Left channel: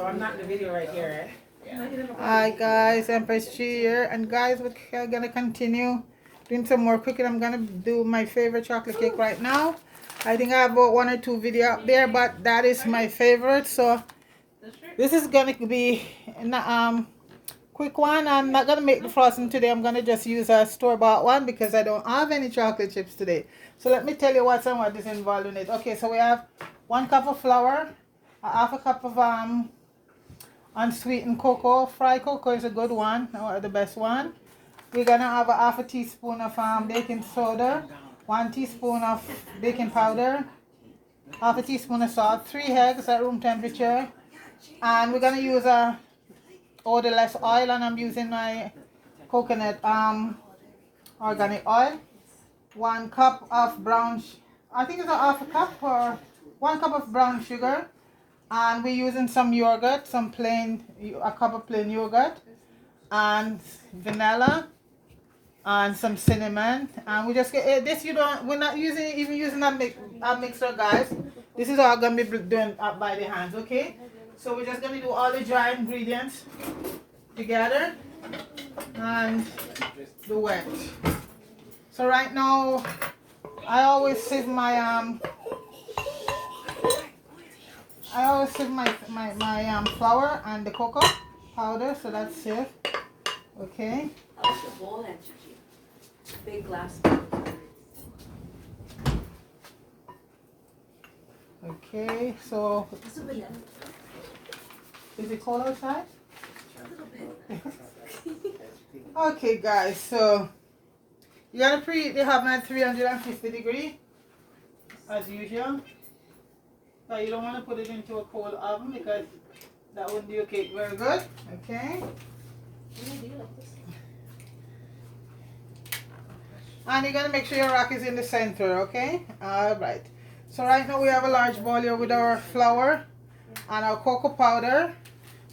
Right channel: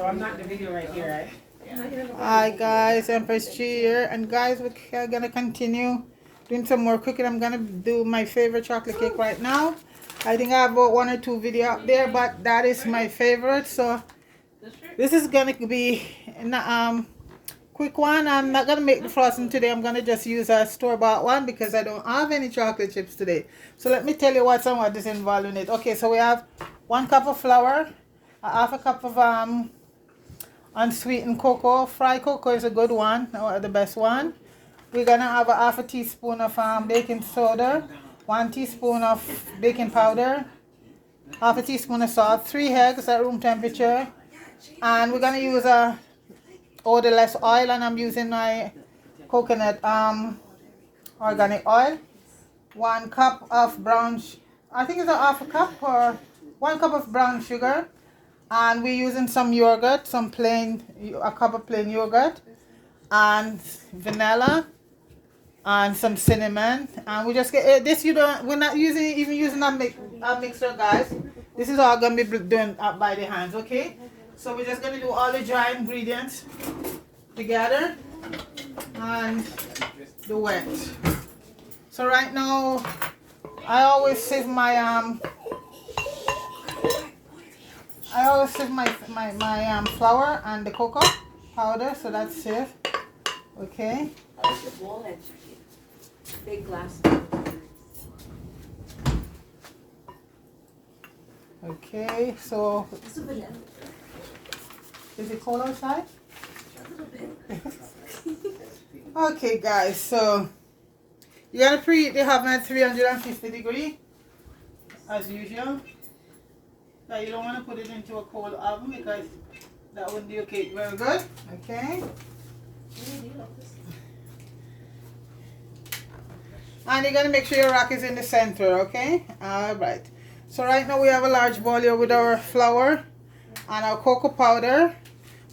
So I'm not in the video right here, eh? Hi guys, Empress G here, and guys, we're gonna continue doing some more cooking. I'm gonna do my favorite chocolate cake right now. I think I have about 1 or 2 videos out there, but that is my favorite. So this is gonna be quick one. I'm not gonna make the frosting today. I'm gonna just use a store-bought one because I don't have any chocolate chips today. So let me tell you what is involved in it. Okay, so we have 1 cup of flour, a half a cup of unsweetened cocoa. Fried cocoa is a good one, or the best one. We're gonna have a half a teaspoon of baking soda, 1 teaspoon of baking powder, half a teaspoon of salt, 3 eggs at room temperature, and we're gonna use a odorless oil, and I'm using my coconut organic oil. 1 cup of brown, I think it's a half a cup or 1 cup of brown sugar. And we're using some yogurt, a cup of plain yogurt, and vanilla, and some cinnamon. And we just get this. We're not even using a mixer, guys. This is all gonna be done up by the hands, okay? So we're just gonna do all the dry ingredients together and the wet. So right now, I always save my flour and the cocoa powder, so that's safe. Okay. I like the bowl actually. Big glass. Okay, so is it cold outside? Okay, guys, so you gotta preheat the oven at 350 degrees as usual. Now you don't want to put it into a cold oven because that wouldn't do your cake very good. Okay. And you're gonna make sure your rack is in the center. Okay. All right. So right now we have a large bowl here with our flour and our cocoa powder.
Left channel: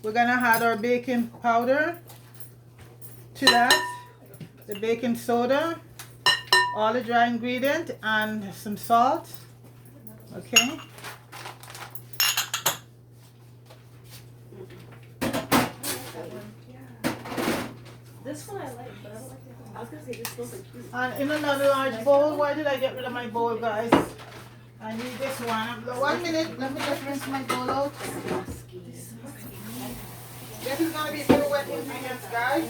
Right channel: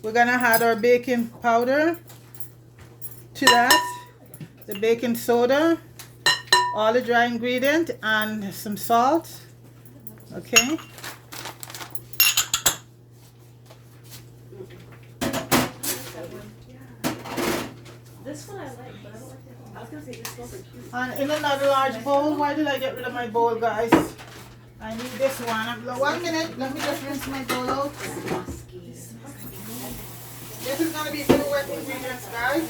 We're gonna add our baking powder to that, the baking soda, all the dry ingredient, and some salt. Okay. This one I like, but I don't like that one. I was gonna say this one's so cute. And in another large bowl. Why did I get rid of my bowl, guys? I need this one. 1 minute. Let me just rinse my bowl out. This is gonna be full wet ingredients, guys.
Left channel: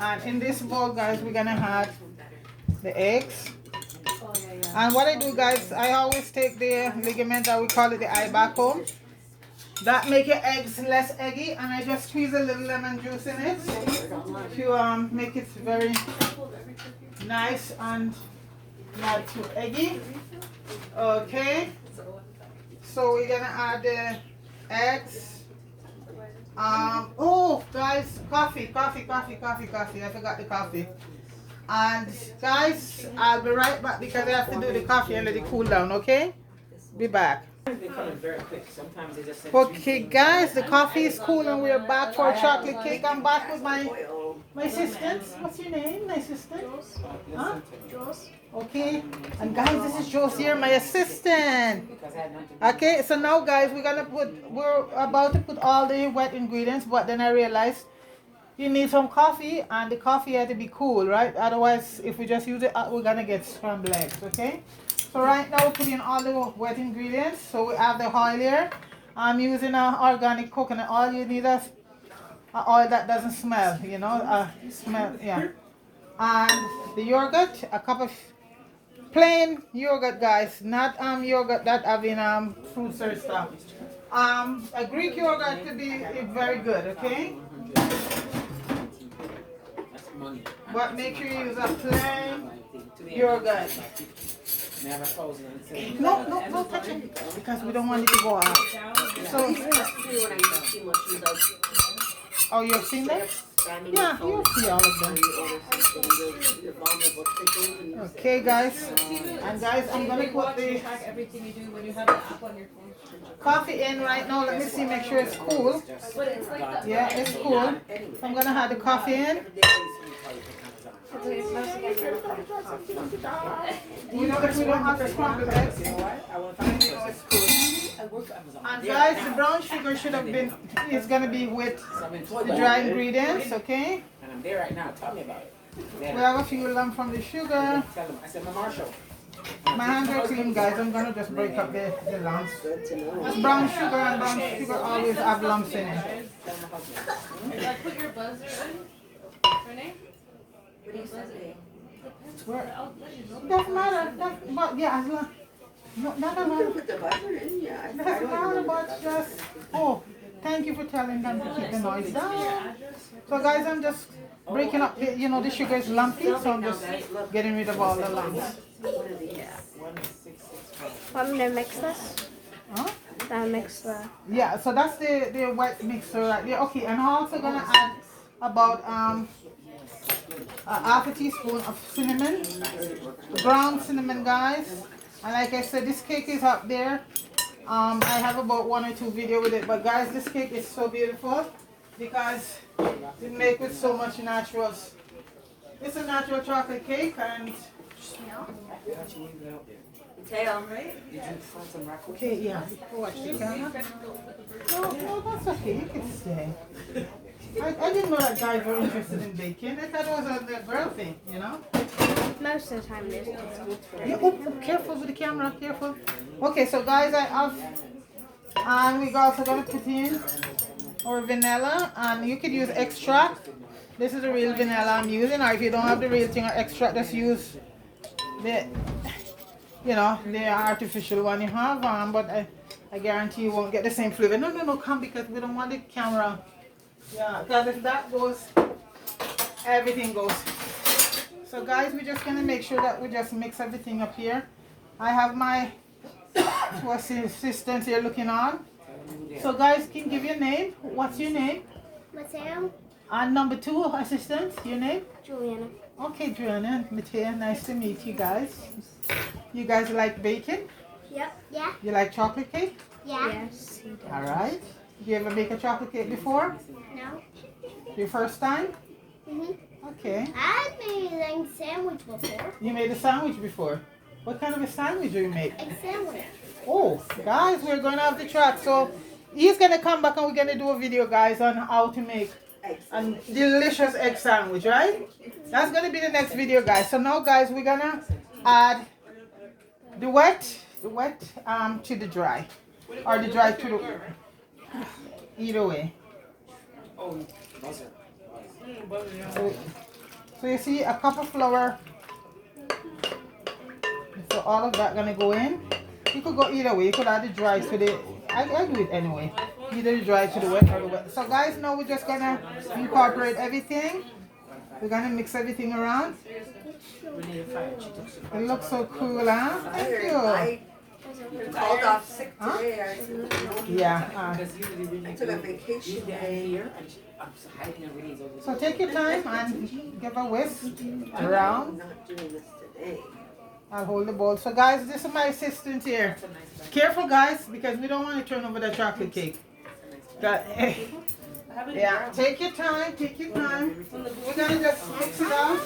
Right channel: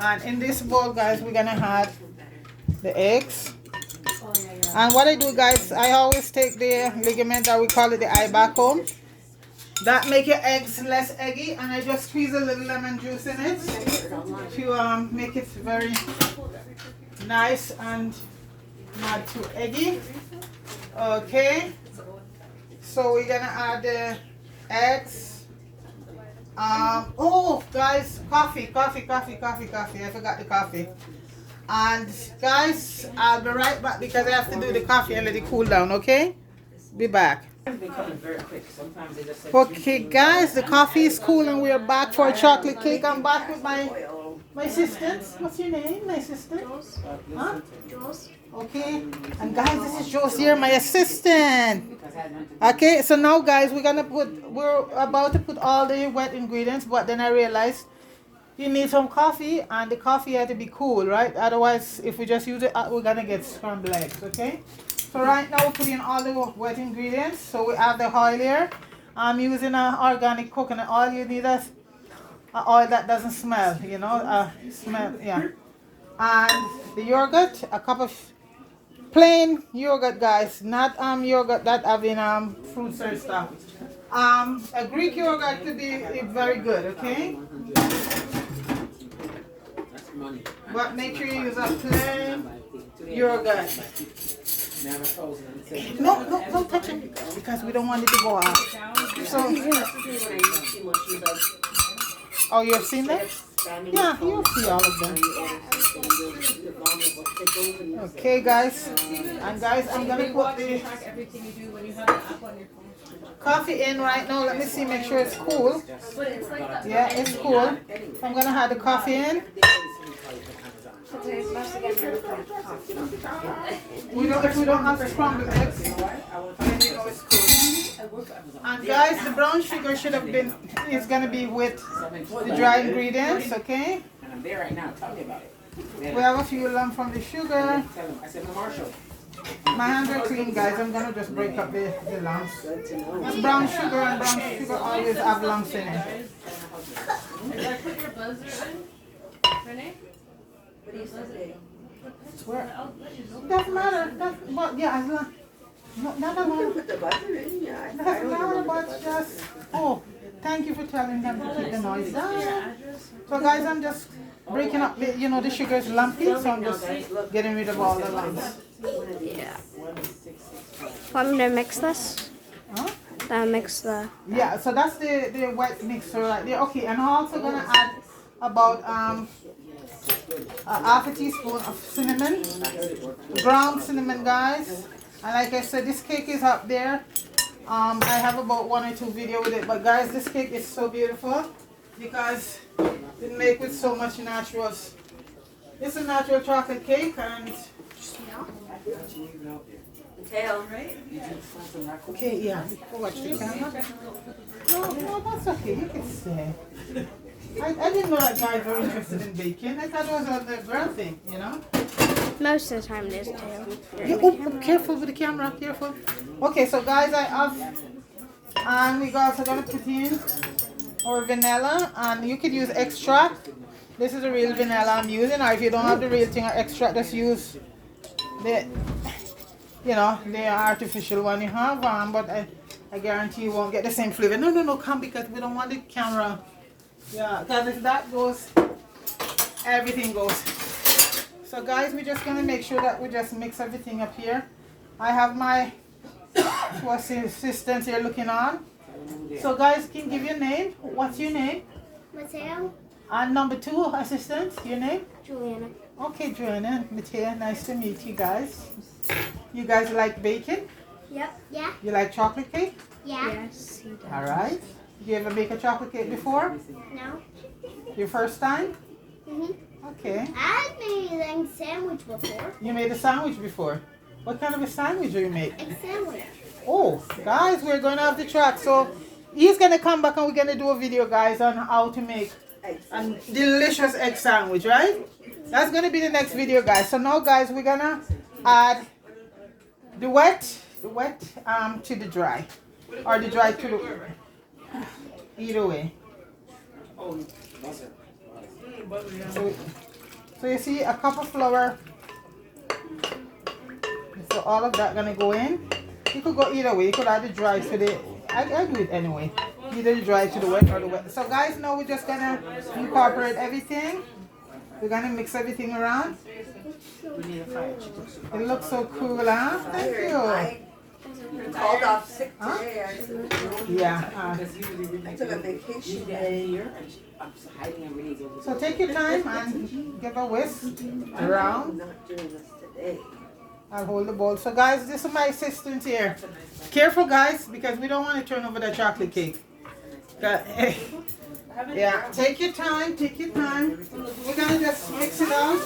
And in this bowl, guys, we're gonna have the eggs. And what I do, guys, I always take the ligament, or we call it the eye back home. That make your eggs less eggy, and I just squeeze a little lemon juice in it to make it very nice and not too eggy. Okay, so we're gonna add the eggs. Oh, guys, coffee. I forgot the coffee. And guys, I'll be right back because I have to do the coffee and let it cool down, okay? Be back. Okay, guys, the coffee is cool and we're back for a chocolate cake. I'm back with my assistants. What's your name, my assistant? Huh? Okay, and guys, this is Josie, my assistant. Okay, so now, guys, we're about to put all the wet ingredients, but then I realized you need some coffee, and the coffee had to be cool, right? Otherwise, if we just use it, we're gonna get scrambled eggs, okay? So right now we're putting all the wet ingredients. So we have the oil here. I'm using an organic coconut oil. You need a oil that doesn't smell, yeah. And the yogurt, a cup of plain yogurt, guys, not yogurt that having fruits or stuff. A Greek yogurt could be very good, okay? But make sure you use a plain yogurt. No, don't touch it because we don't want it to go off. So, oh, you've seen that? Yeah, you'll see all of them. Okay, guys. And guys, I'm going to put the coffee in right now. Let me see, make sure it's cool. Yeah, it's cool. So I'm going to add the coffee in. It's like it's supposed to get really good. If we don't have scrambled eggs, then you know it's good. And guys, the brown sugar should have been, it's gonna be with the dry ingredients, okay? And I'm there right now. Tell me about it. We have a few lumps from the sugar. Tell them. I said, Marshall. My hands are clean, guys. I'm gonna just break up the lumps. It's brown sugar, and brown sugar always have lumps in it. Did I put your buzzer in? Renee? What do you say? Where? I'll let you know. Doesn't matter. But yeah, as long. No, never mind. Put the buzzer in, yeah. Doesn't matter, but just. Oh, thank you for telling them to keep the noise down. So guys, I'm just breaking up. You know, the sugar is lumpy, so I'm just getting rid of all the lumps. Yeah. Want me to mix this? Huh? Mix the. Yeah, so that's the wet mixer right there. Okay, and I'm also gonna add about a half a teaspoon of cinnamon, ground cinnamon, guys. And like I said, this cake is up there. I have about 1 or 2 videos with it, but guys, this cake is so beautiful because it's made with so much naturals. It's a natural chocolate cake, and Tail, right? okay, yeah. Watch the camera. No, that's okay. You can stay. I didn't know that guys were interested in baking. I thought it was a girl thing, you know? Most of the time, there's tail. Yeah, oh, careful with the camera, careful. Okay, so guys, I have, and we're also gonna put in our vanilla, and you could use extract. This is the real vanilla I'm using, or if you don't have the real thing or extract, just use the, you know, the artificial one you have. But I guarantee you won't get the same flavor. No, come, because we don't want the camera. Yeah, because if that goes, everything goes. So guys, we're just gonna make sure that we just mix everything up here. I have my two assistants here looking on. So guys, can you give your name? What's your name? Mateo, And number 2 assistant, your name? Juliana. Okay, Joanna and Mateo, nice to meet you guys. You guys like bacon? Yep. Yeah. You like chocolate cake? Yeah. Yes. All right. You ever bake a chocolate cake before? No. Your first time? Mhm. Okay. I made a sandwich before. You made a sandwich before. What kind of a sandwich do you make? A sandwich. Oh, guys, we're going off the track. So he's going to come back and we're going to do a video, guys, on how to make a delicious egg sandwich, right? That's going to be the next video, guys. So now, guys, we're going to add the wet to the dry. Or the dry to the... Either way. So you see a cup of flour. So all of that gonna go in. You could go either way. You could add the dry to the. I do it anyway. Either the dry to the wet or the wet. So guys, now we're just gonna incorporate everything. We're gonna mix everything around. It looks so cool, huh? Thank you. Called off sick Huh? today. Yeah. I took a vacation day. So take your time and give a whisk around. I'm not doing this today. I'll hold the bowl. So guys, this is my assistant here. Careful, guys, because we don't want to turn over the chocolate cake. Yeah, take your time, take your time. We're gonna just mix it out.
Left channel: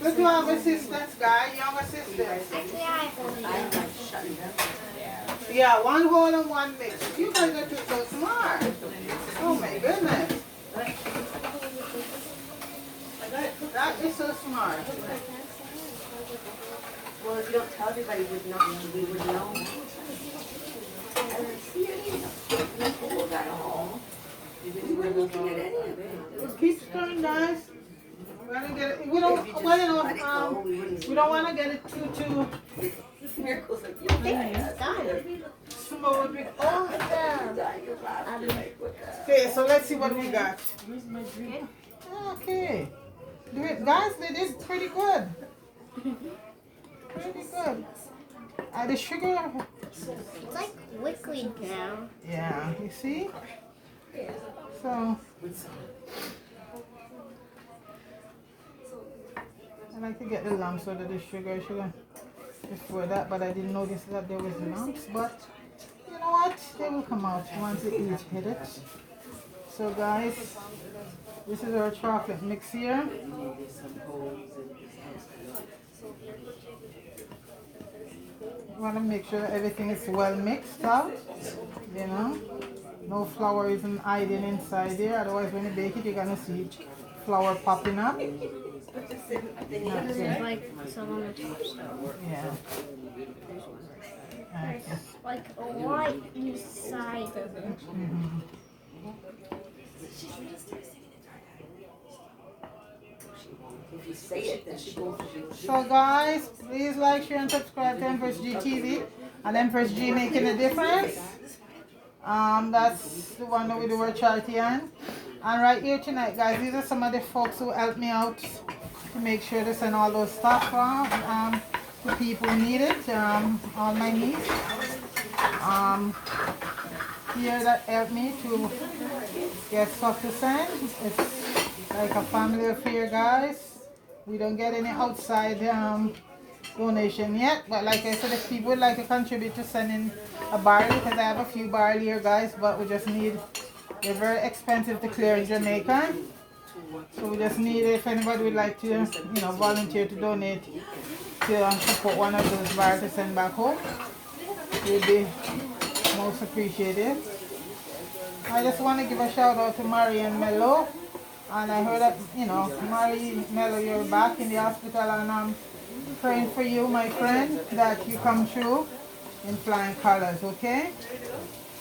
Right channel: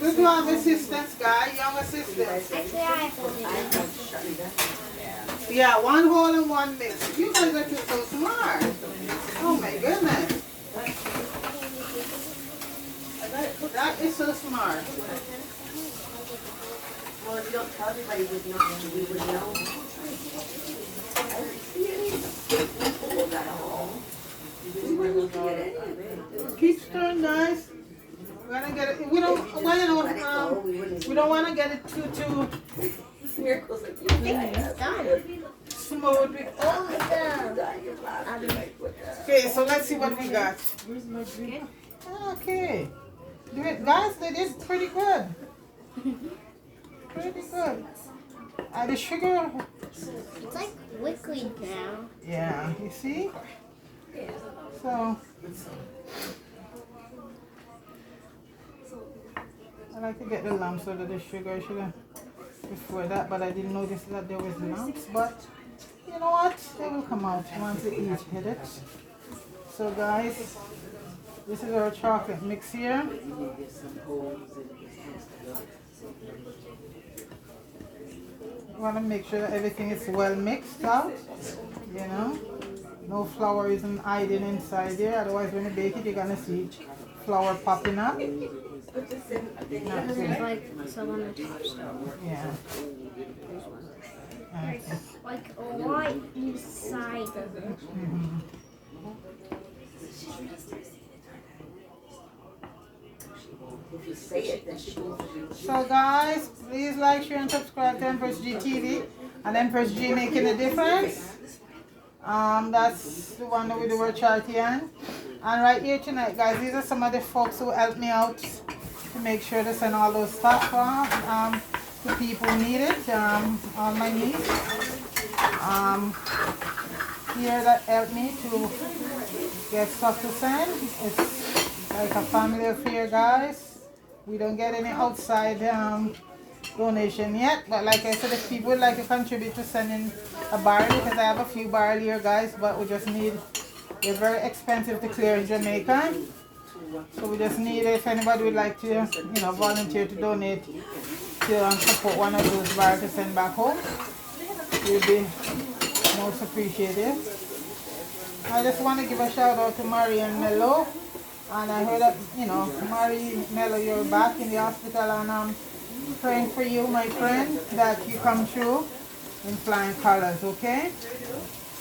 Good to have assistants, guys, young assistants. Actually, I have to. Yeah, one whole and one mix. You guys are so smart. Oh my goodness. That is so smart. Well, if you don't tell everybody, we would know. We were looking at it. Keep stirring, guys. We're gonna get it. We don't. Well, you know, we don't want to get it too Miracles like you. smooth. Awesome. Okay, so let's see what we got. Okay. Guys, they did pretty good. Pretty good. The sugar. It's like liquid now. Yeah, you see? So. I like to get the lumps out of the sugar. I should have before that, but I didn't notice that there was lumps. But you know what? They will come out once you each hit it. So guys, this is our chocolate mix here. Want to make sure everything is well mixed out, you know. No flour isn't hiding inside there, otherwise when you bake it, you're gonna see flour popping up. There's like some on the top, so Yeah. there's one. Okay. There's like a white inside of it. Mhm. If you say it, then she goes. So guys, please like, share, and subscribe to Empress G TV and Empress G Making a Difference. That's the one with the word charity on. And right here tonight, guys, these are some of the folks who helped me out to make sure to send all those stuff to people who need it, all my niece. Here that helped me to get stuff to send. It's like a family affair, guys. We don't get any outside donation yet, but like I said, if people would like to contribute to sending a barrel, because I have a few barrel here, guys, but we just need, they're very expensive to clear in Jamaica, so we just need it. If anybody would like to, you know, volunteer to donate to support one of those barrels to send back home, it would be most appreciated. I just want to give a shout out to Marian Mello. And I heard that, you know, Mary Mello, you're back in the hospital, and I'm praying for you, my friend, that you come through in flying colors, okay?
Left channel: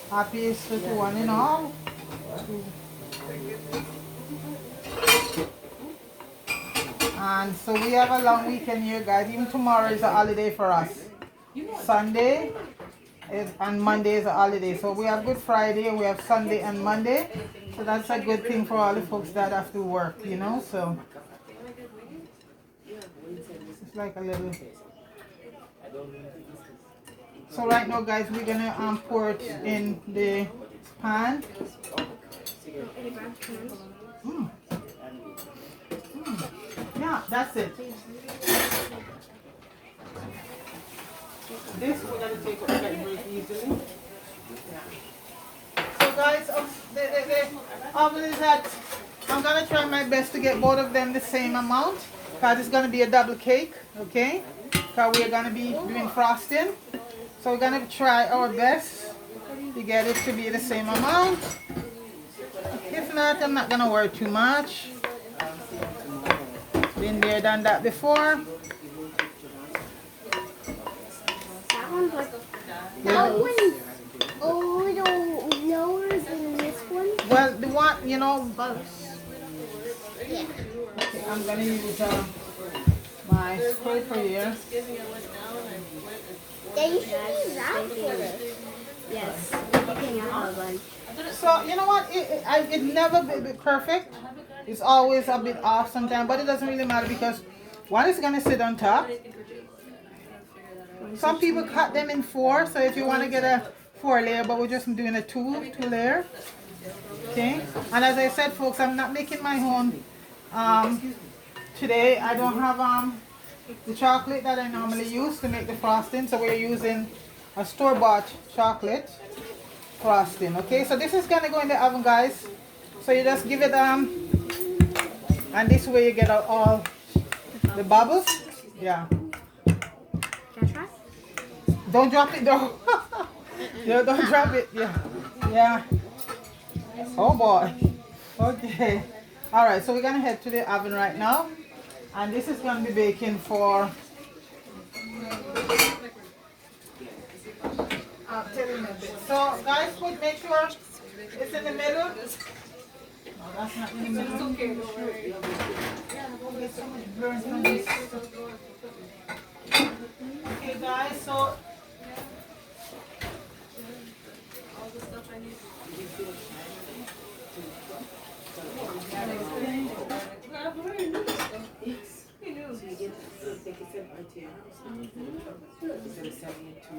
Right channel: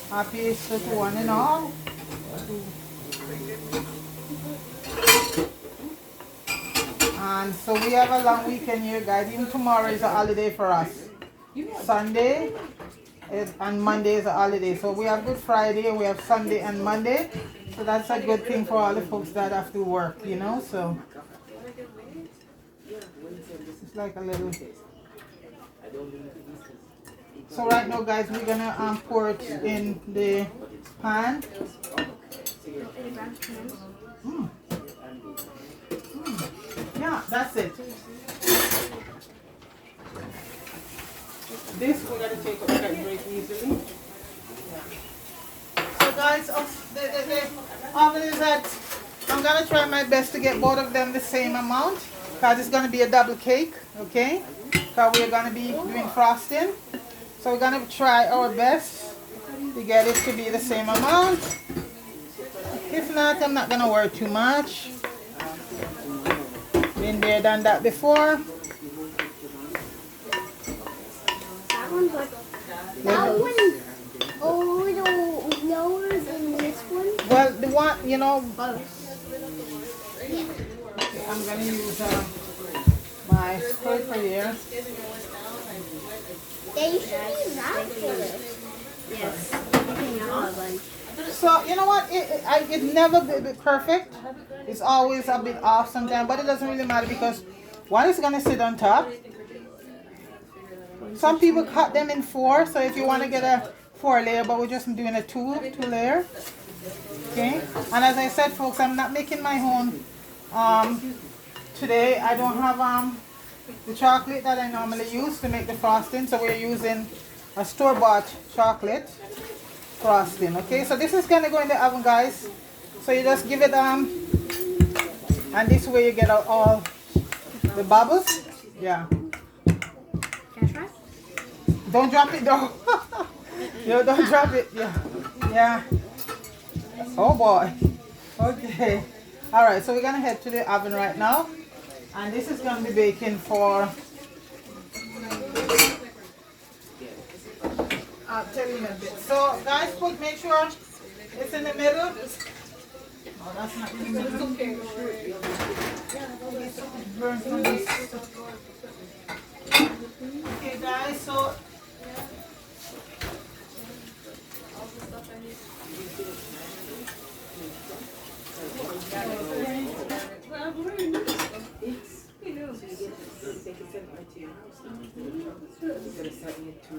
Happy Easter to one and all. And so we have a long weekend here, guys. Even tomorrow is a holiday for us. Sunday and Monday is a holiday. So we have Good Friday, we have Sunday and Monday. So that's a good thing for all the folks that have to work, you know, so it's like a little. So right now, guys, we're gonna pour it in the pan. Yeah, that's it. This we're gonna take it very easily. So guys, the oven is at, I'm gonna try my best to get both of them the same amount, because it's gonna be a double cake, okay? Because we're gonna be doing frosting. So we're gonna try our best to get it to be the same amount. If not, I'm not gonna worry too much. Been there, done that before. That one's like, that one a little lower than this one. Well, the one, you know, Yeah. okay, I'm gonna use my scraper here. Yeah, you should use that for this. Yes. Okay, now one. So you know what? It never be perfect. It's always a bit off sometimes, but it doesn't really matter because one is gonna sit on top. Some people cut them in 4, so if you want to get a 4 layer, but we're just doing a 2 layer. Okay. And as I said, folks, I'm not making my own today. I don't have the chocolate that I normally use to make the frosting, so we're using a store-bought chocolate frosting. Okay, so this is gonna go in the oven, guys. So you just give it and this way you get out all the bubbles. Yeah. Can I try? Don't drop it though. Yo, don't drop it. Yeah. Yeah. Oh boy. Okay. Alright, so we're gonna head to the oven right now. And this is gonna be baking for I'll tell you in a bit. So guys, make sure it's in the middle. No, that's not in the middle. Okay, guys, so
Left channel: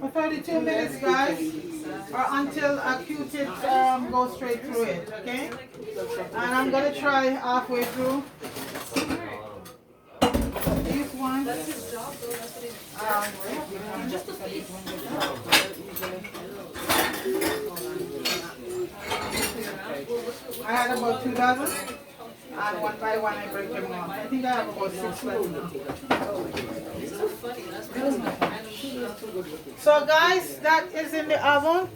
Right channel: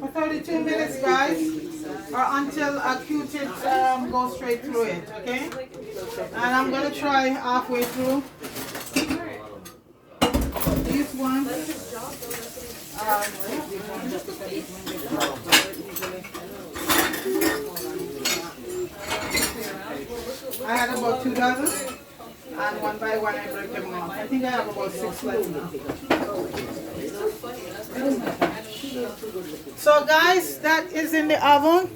for 32 minutes, guys, or until a Q-tip goes straight through it, okay? And I'm gonna try halfway through this one. I had a about 2 dozen. And one by one I break them off. I think I have about 6 left now. So guys, that is in the oven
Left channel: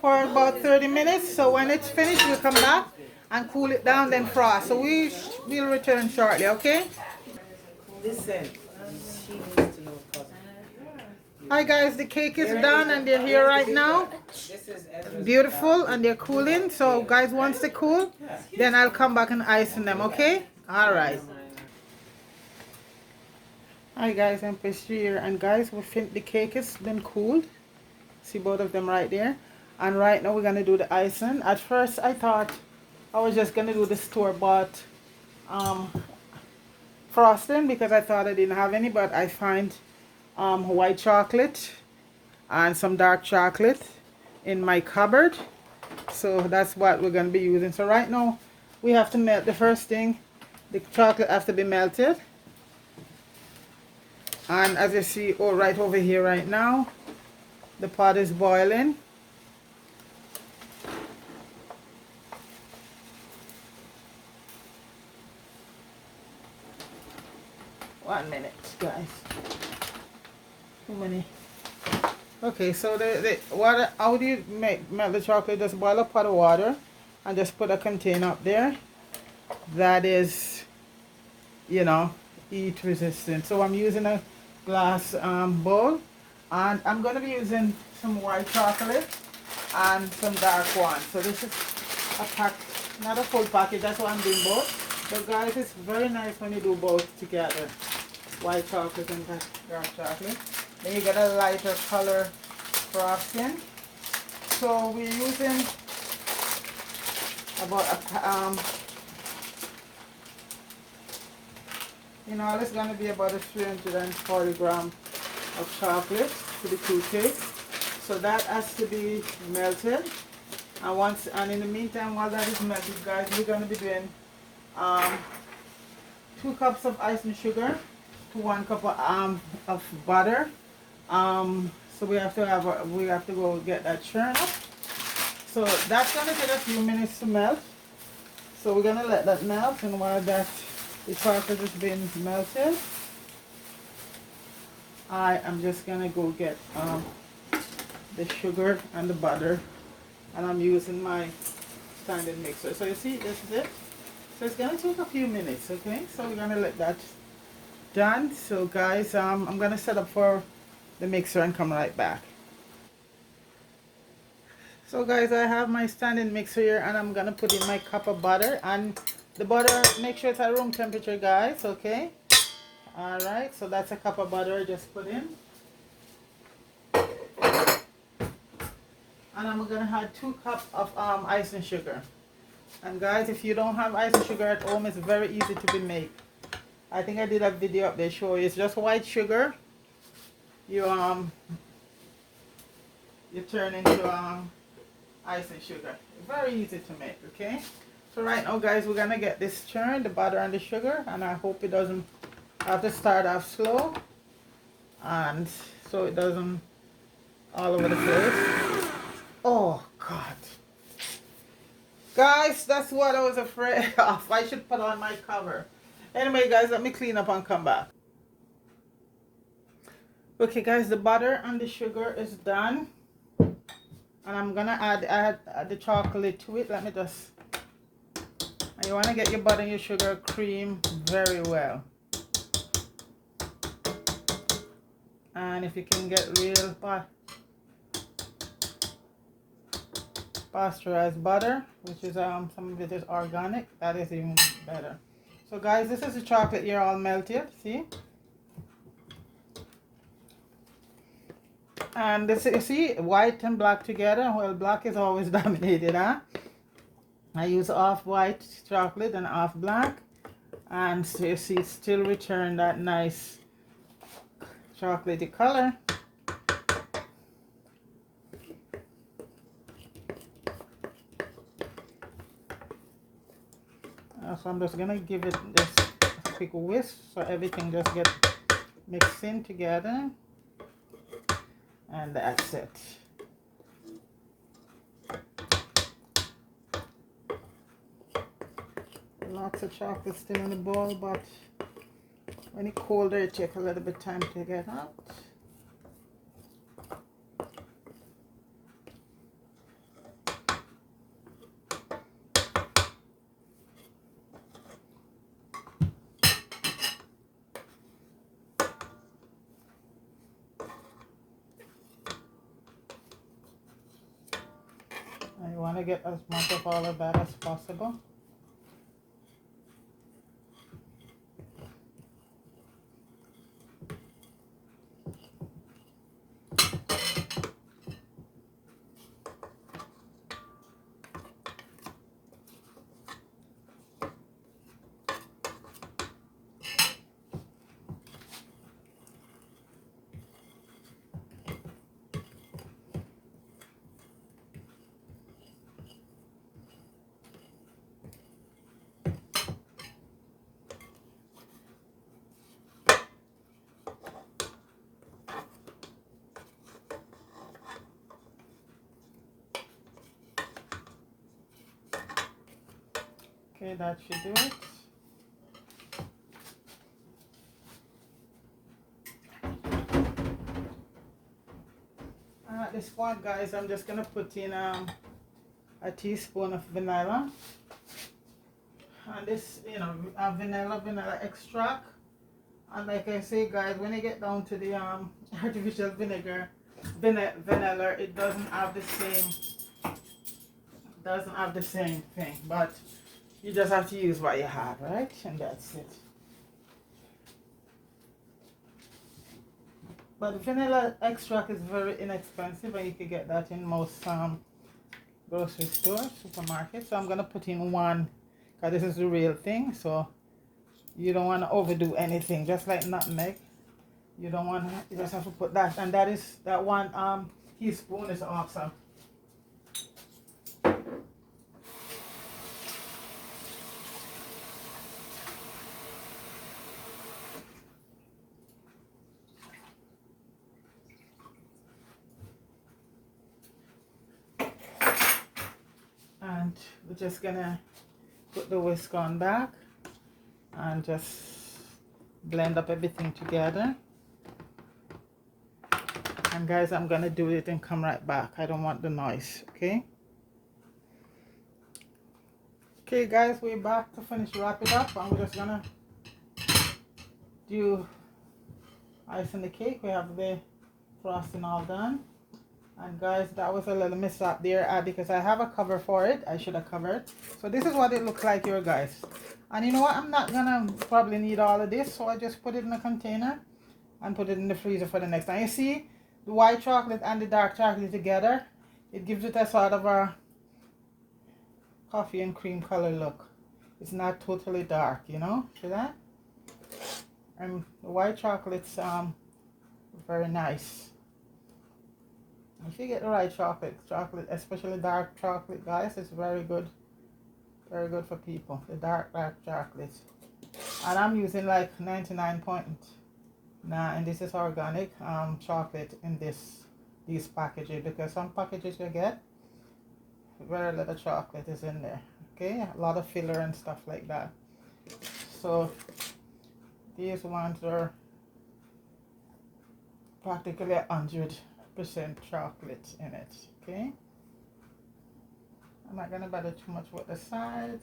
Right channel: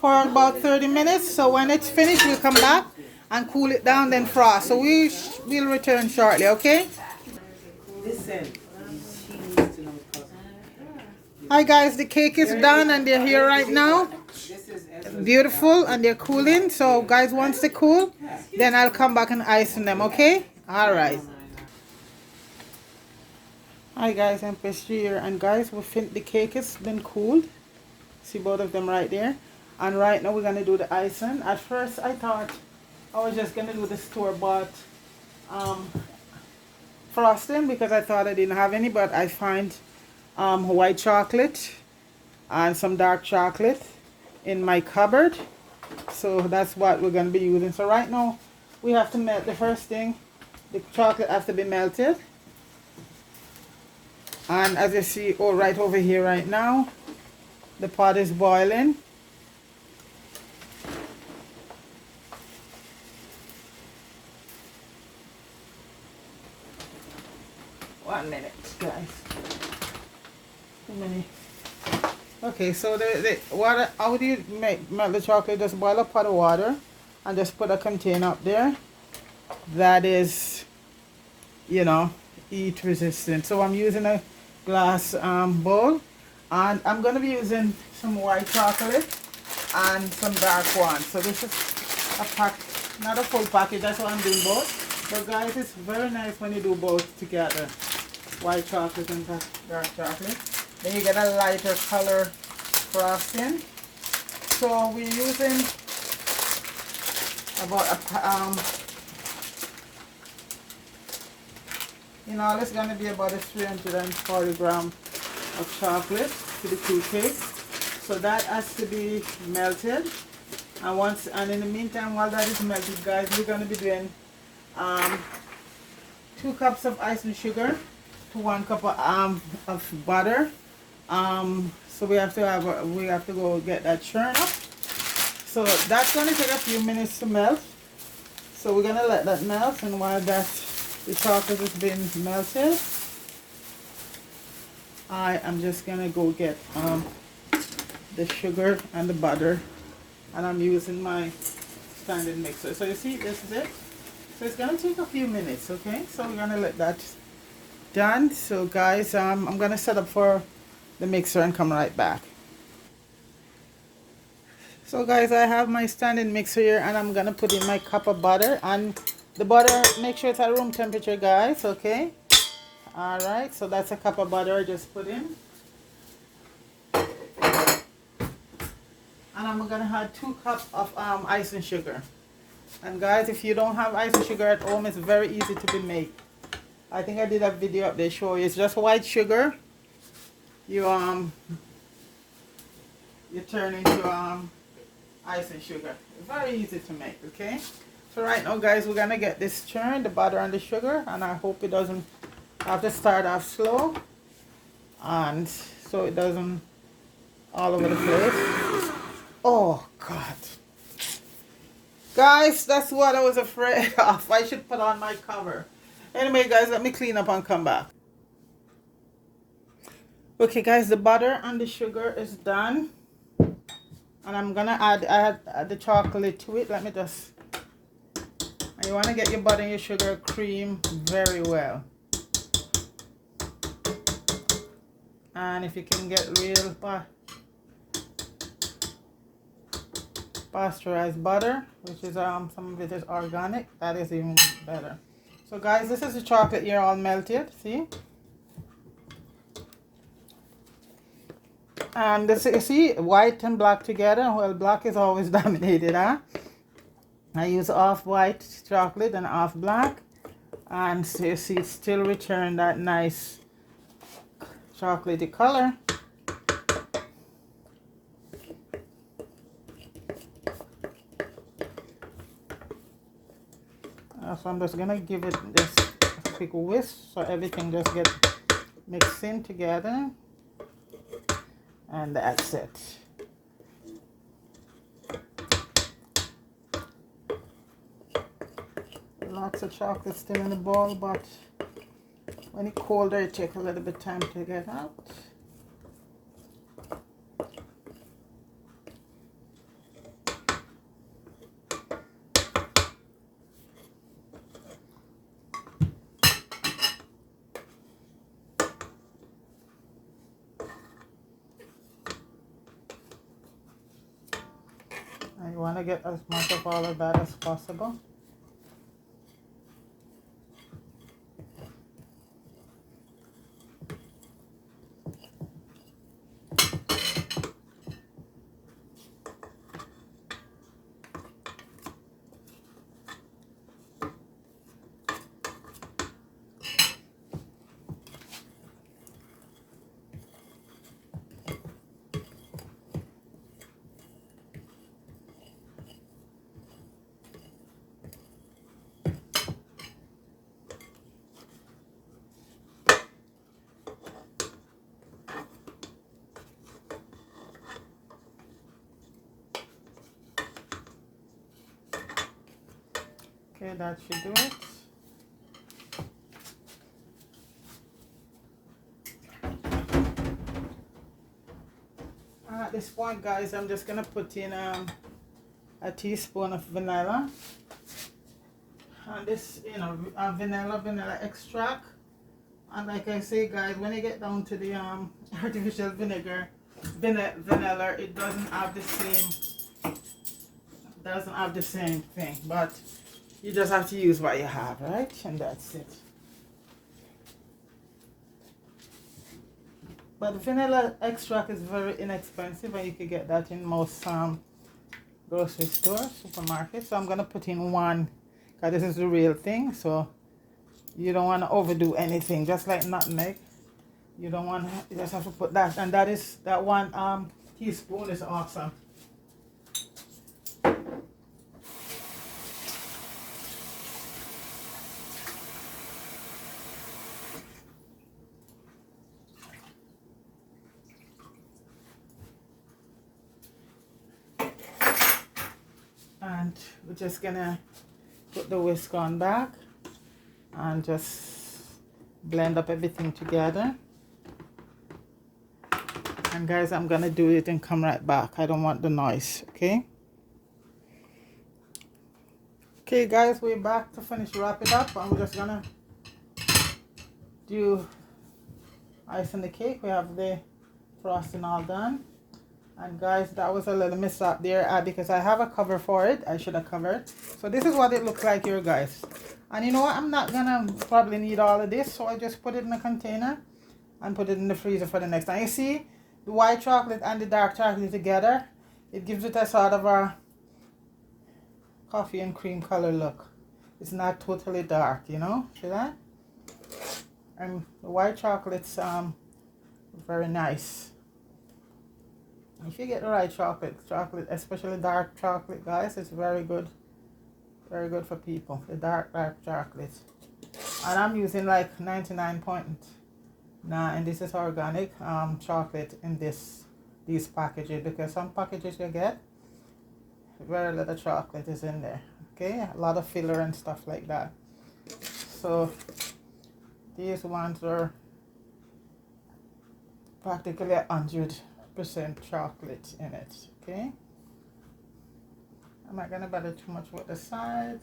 for about 30 minutes. So when it's finished, you come back and cool it down, then frost. So we'll return shortly, okay? Listen, she needs to know cousin. Hi guys, the cake is done and they're here right now. This is Ezra's Beautiful, and they're cooling. So guys, once they cool, then I'll come back and ice them, okay? All right. Hi guys, I'm Pastry here, and guys, the cake has been cooled. See both of them right there. And right now we're gonna do the icing. At first I thought I was just gonna do the store-bought frosting because I thought I didn't have any, but I find white chocolate and some dark chocolate in my cupboard, so that's what we're gonna be using. So right now we have to melt the first thing. The chocolate has to be melted. And as you see, right over here right now, the pot is boiling. One minute, guys. 1 minute. Okay, so the water, how do you melt the chocolate? Just boil a pot of water and just put a container up there that is, you know, heat resistant. So I'm using a glass bowl, and I'm going to be using some white chocolate and some dark one. So this is a pack, not a full package, that's why I'm doing both. But guys, it's very nice when you do both together, white chocolate and dark chocolate. Then you get a lighter color frosting. So we're using about in all it's going to be about a 340 gram of chocolate to the cool cake. So that has to be melted. And in the meantime, while that is melted, guys, we're going to be doing 2 cups of ice and sugar to 1 cup of butter. So we have to go get that churn up. So that's going to take a few minutes to melt. So we're going to let that melt, and while the chocolate is being melted, I am just going to go get the sugar and the butter, and I'm using my standard mixer. So you see, this is it. So it's going to take a few minutes, okay? So we're going to let that done. So guys, I'm going to set up for the mixer and come right back. So guys, I have my standing mixer here, and I'm going to put in my cup of butter, and the butter, make sure it's at room temperature, guys, okay? All right, so that's a cup of butter I just put in. And I'm gonna add 2 cups of ice and sugar. And guys, if you don't have ice and sugar at home, it's very easy to be made. I think I did a video up there showing you. It's just white sugar. You turn into ice and sugar. Very easy to make, okay? So right now, guys, we're gonna get this churned, the butter and the sugar, and I hope it doesn't have to start off slow, and so it doesn't all over the place. Oh God, guys, that's what I was afraid of. I should put on my cover. Anyway, guys, let me clean up and come back. Okay, guys, the butter and the sugar is done, and I'm gonna add the chocolate to it. Let me just. And you want to get your butter and your sugar cream very well. And if you can get real pasteurized butter, which is some of it is organic, that is even better. So guys, this is the chocolate here all melted, see? And this, you see, white and black together. Well, black is always dominated, huh? I use off-white chocolate and off-black, and so you see it still return that nice chocolatey color. So I'm just gonna give it this quick whisk so everything just gets mixed in together, and that's it. lots of chocolate still in the bowl, but when it's colder, it takes a little bit time to get out. I want to get as much of all of that as possible. Okay, that should do it. At this point, guys, I'm just gonna put in a teaspoon of vanilla, and this, you know, vanilla extract. And like I say, guys, when you get down to the artificial vanilla, it doesn't have the same thing, but you just have to use what you have, right? And that's it. But vanilla extract is very inexpensive, and you can get that in most grocery stores, supermarkets. So I'm gonna put in one, because this is the real thing. So you don't want to overdo anything, just like nutmeg. You don't want to, you just have to put that, and that one teaspoon is awesome. And we're just gonna put the whisk on back and just blend up everything together. And guys, I'm gonna do it and come right back. I don't want the noise, okay? Okay guys, we're back to finish wrap it up. I'm just gonna do ice in the cake. We have the frosting all done. And guys, that was a little mishap there because I have a cover for it. I should have covered. So this is what it looks like here, guys. And you know what? I'm not gonna probably need all of this, so I just put it in a container and put it in the freezer for the next time. You see, the white chocolate and the dark chocolate together, it gives it a sort of a coffee and cream color look. It's not totally dark, you know. See that? And the white chocolate's very nice. If you get the right chocolate, especially dark chocolate, guys, it's very good for people. The dark chocolate, and I'm using like 99.9, and this is organic chocolate in these packages, because some packages you get very little chocolate is in there. Okay, a lot of filler and stuff like that. So these ones are practically 100% chocolate in it. Okay, I'm not gonna bother too much with the sides.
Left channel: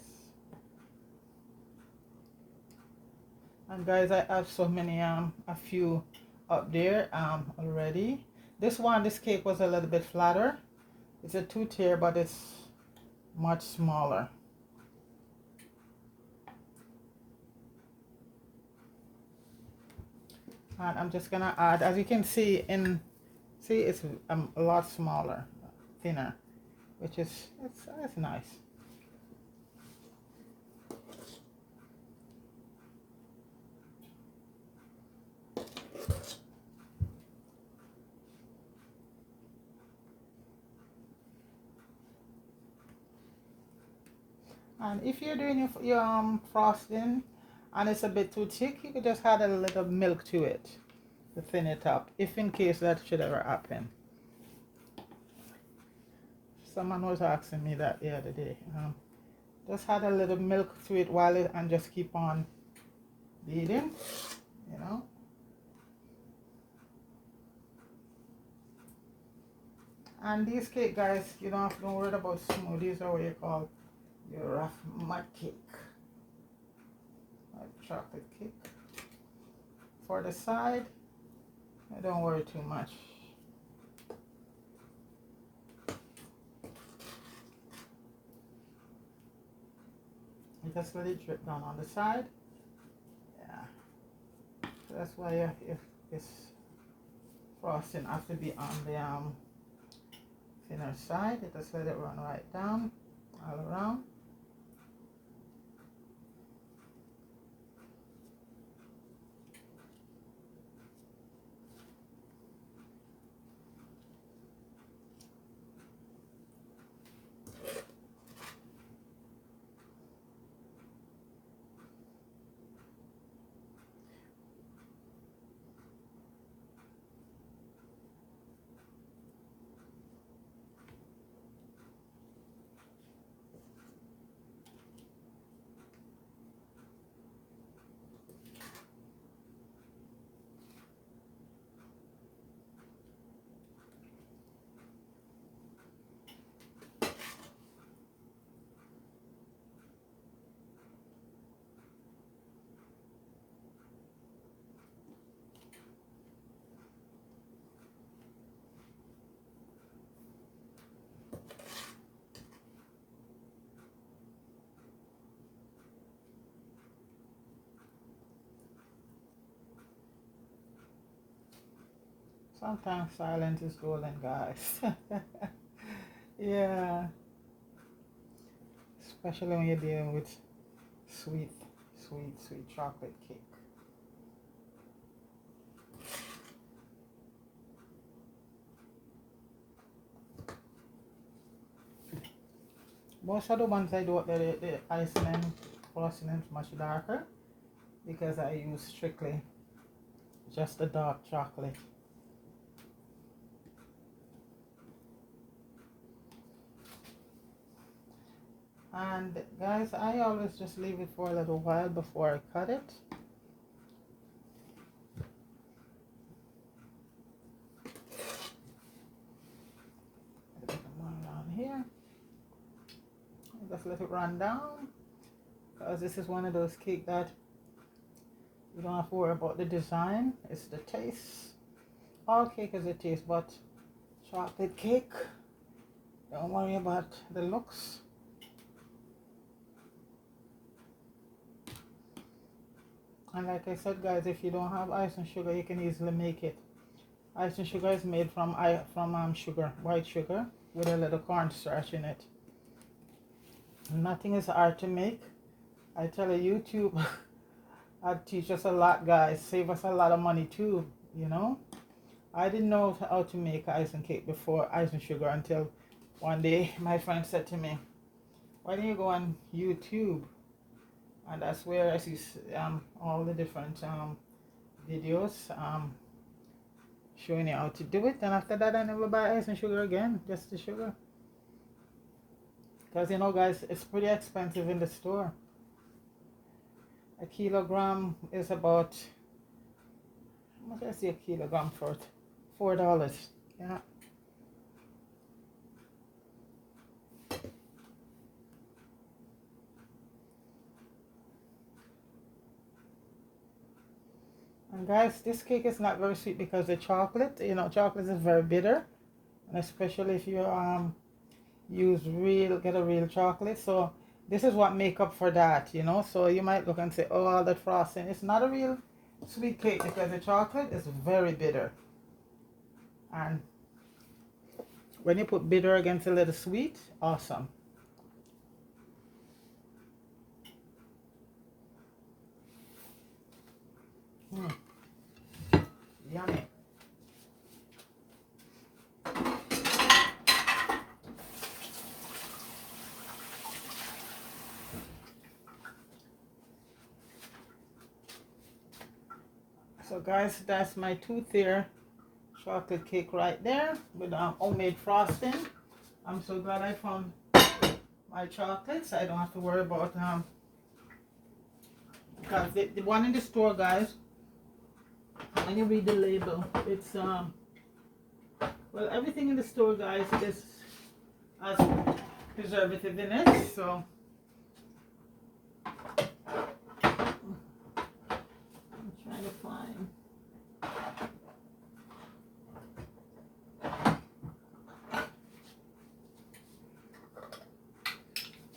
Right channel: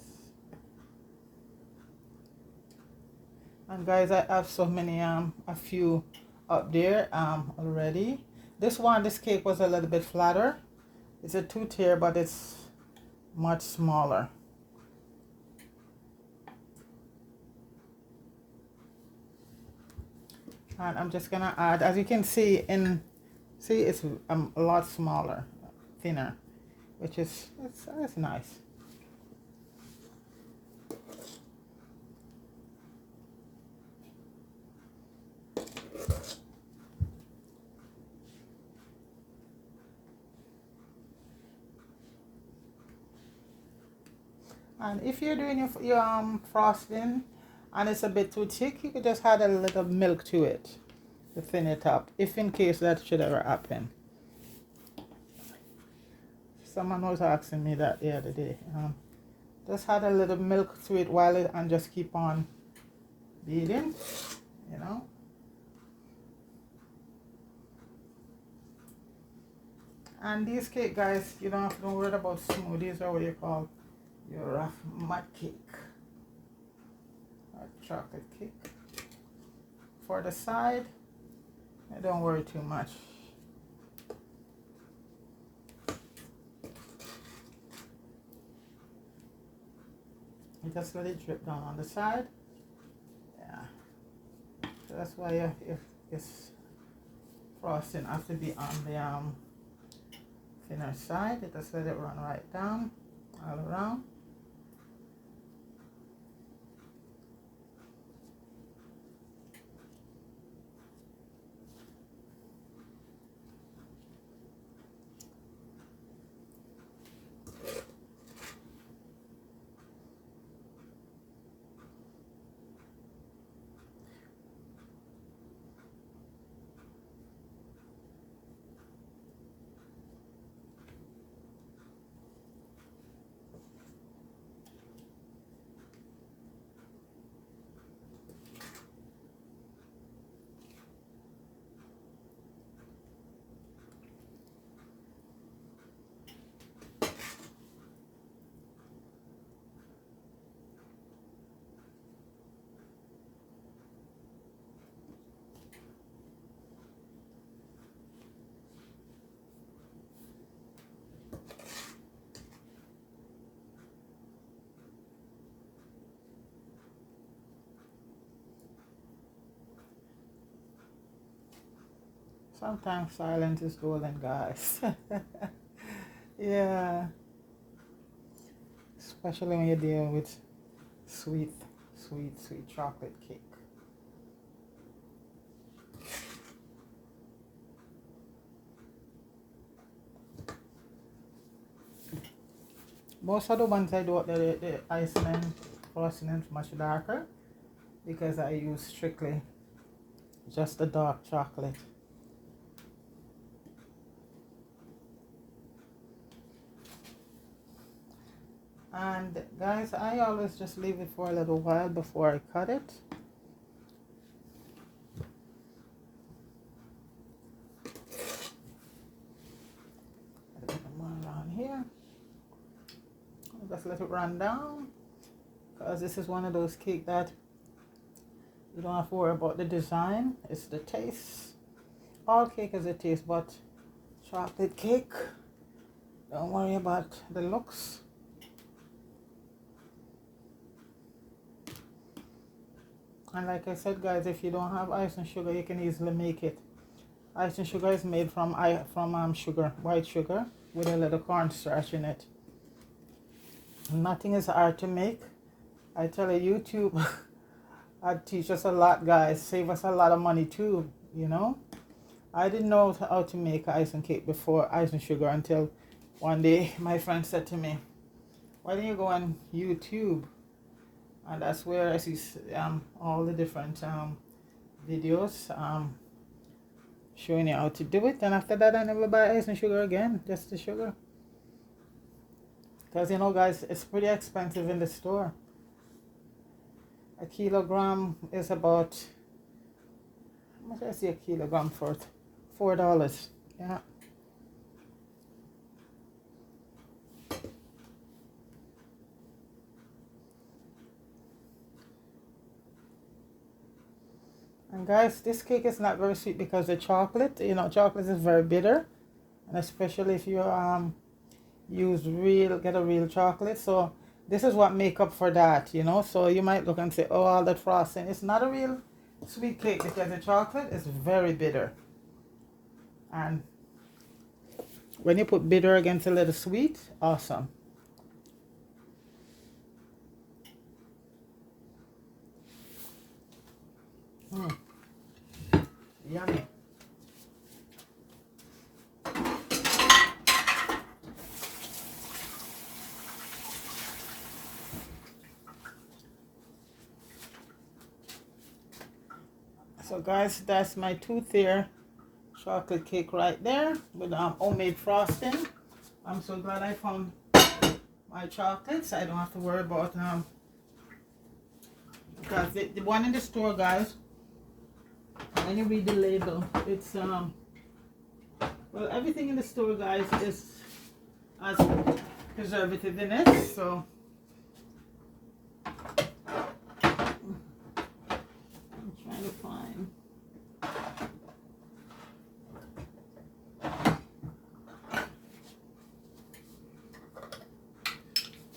And guys, I have so many a few up there already. This cake was a little bit flatter. It's a 2-tier, but it's much smaller. And I'm just gonna add, as you can see, it's a lot smaller, thinner, which is it's nice. And if you're doing your frosting and it's a bit too thick, you could just add a little milk to it to thin it up, if in case that should ever happen. Someone was asking me that the other day. Just add a little milk to it while it and just keep on beating, you know. And these cake, guys, you don't have to worry about smoothies or what you call your rough mud cake, like chocolate cake. For the side, don't worry too much. You just let it drip down on the side. Yeah. So that's why if this frosting has to be on the thinner side, you just let it run right down all around. Sometimes silence is golden, guys. Yeah. Especially when you're dealing with sweet chocolate cake. Most of the ones I do, the icing and frosting is much darker because I use strictly just the dark chocolate. And guys, I always just leave it for a little while before I cut it. Put one around here. Just let it run down, because this is one of those cakes that you don't have to worry about the design. It's the taste. All cake is a taste, but chocolate cake, don't worry about the looks. And like I said, guys, if you don't have ice and sugar, you can easily make it. Ice and sugar is made from sugar, white sugar, with a little cornstarch in it. Nothing is hard to make. I tell you, YouTube I'd teach us a lot, guys. Save us a lot of money too, you know. I didn't know how to make ice and cake before, ice and sugar, until one day my friend said to me, why don't you go on YouTube? And that's where I see all the different videos showing you how to do it. And after that, I never buy ice and sugar again, just the sugar. Because, you know, guys, it's pretty expensive in the store. A kilogram is about, how much I see a kilogram for? $4. Yeah. And guys, this cake is not very sweet because the chocolate, you know, chocolate is very bitter, and especially if you get a real chocolate. So this is what make up for that, you know. So you might look and say, oh, all that frosting. It's not a real sweet cake because the chocolate is very bitter. And when you put bitter against a little sweet, awesome. Yummy. So guys, that's my 2-tier chocolate cake right there with homemade frosting. I'm so glad I found my chocolates. I don't have to worry about because the one in the store, guys, when you read the label, it's well, everything in the store, guys, is has preservative in it, so I'm trying to find.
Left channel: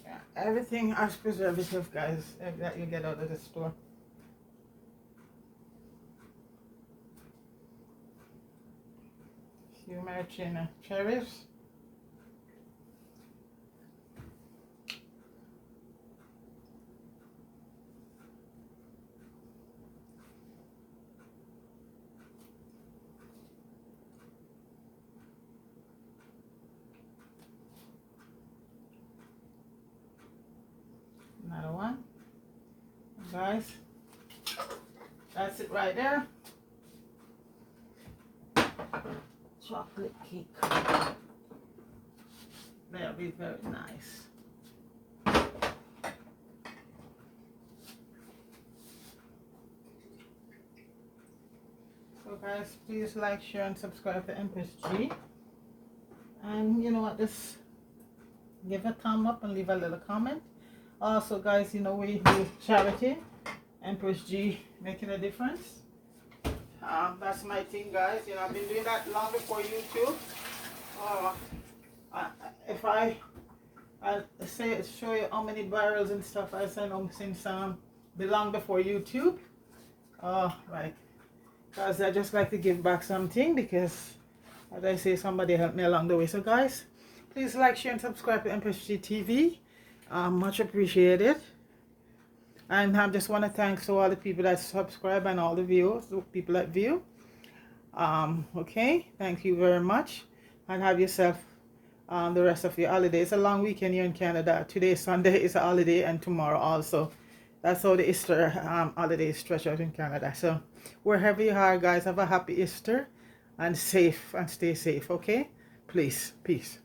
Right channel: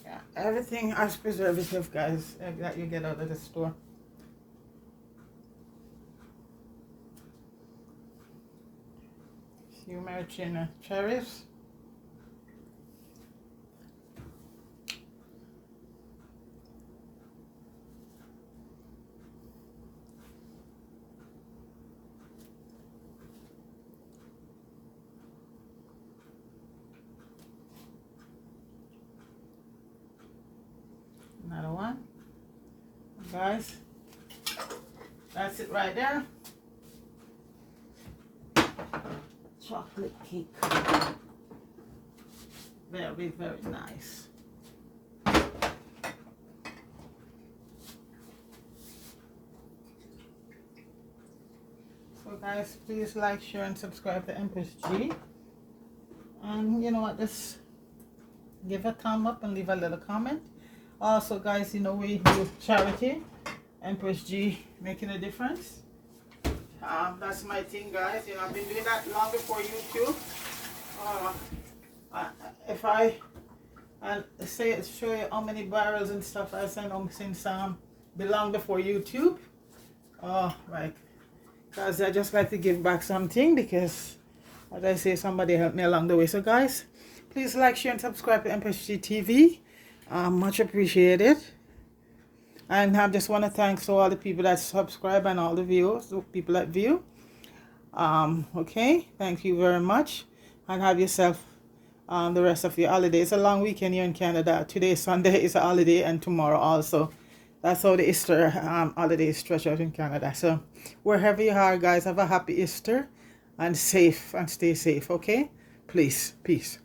Yeah, everything has preservative, guys, that you get out of the store. Few maraschino cherries. Another one. Guys, that's it right there. Chocolate cake. Very, very nice. So guys, please like, share, and subscribe to Empress G. And you know what, just give a thumb up and leave a little comment. Also guys, you know, we do charity. Empress G making a difference. That's my thing, guys. You know, I've been doing that long before YouTube. If I'll show you how many barrels and stuff I sent them since belong before YouTube. Right, because I just like to give back something, because as I say, somebody helped me along the way. So guys, please like, share, and subscribe to Empress G TV. Much appreciated. And I just want to thank all the people that subscribe and all the viewers, the people that view. Okay, thank you very much, and have yourself the rest of your holiday. It's a long weekend here in Canada. Today, Sunday, is a holiday, and tomorrow also. That's how the Easter holiday is stretched out in Canada. So wherever you are, guys, have a happy Easter and safe, and stay safe. Okay, please, peace.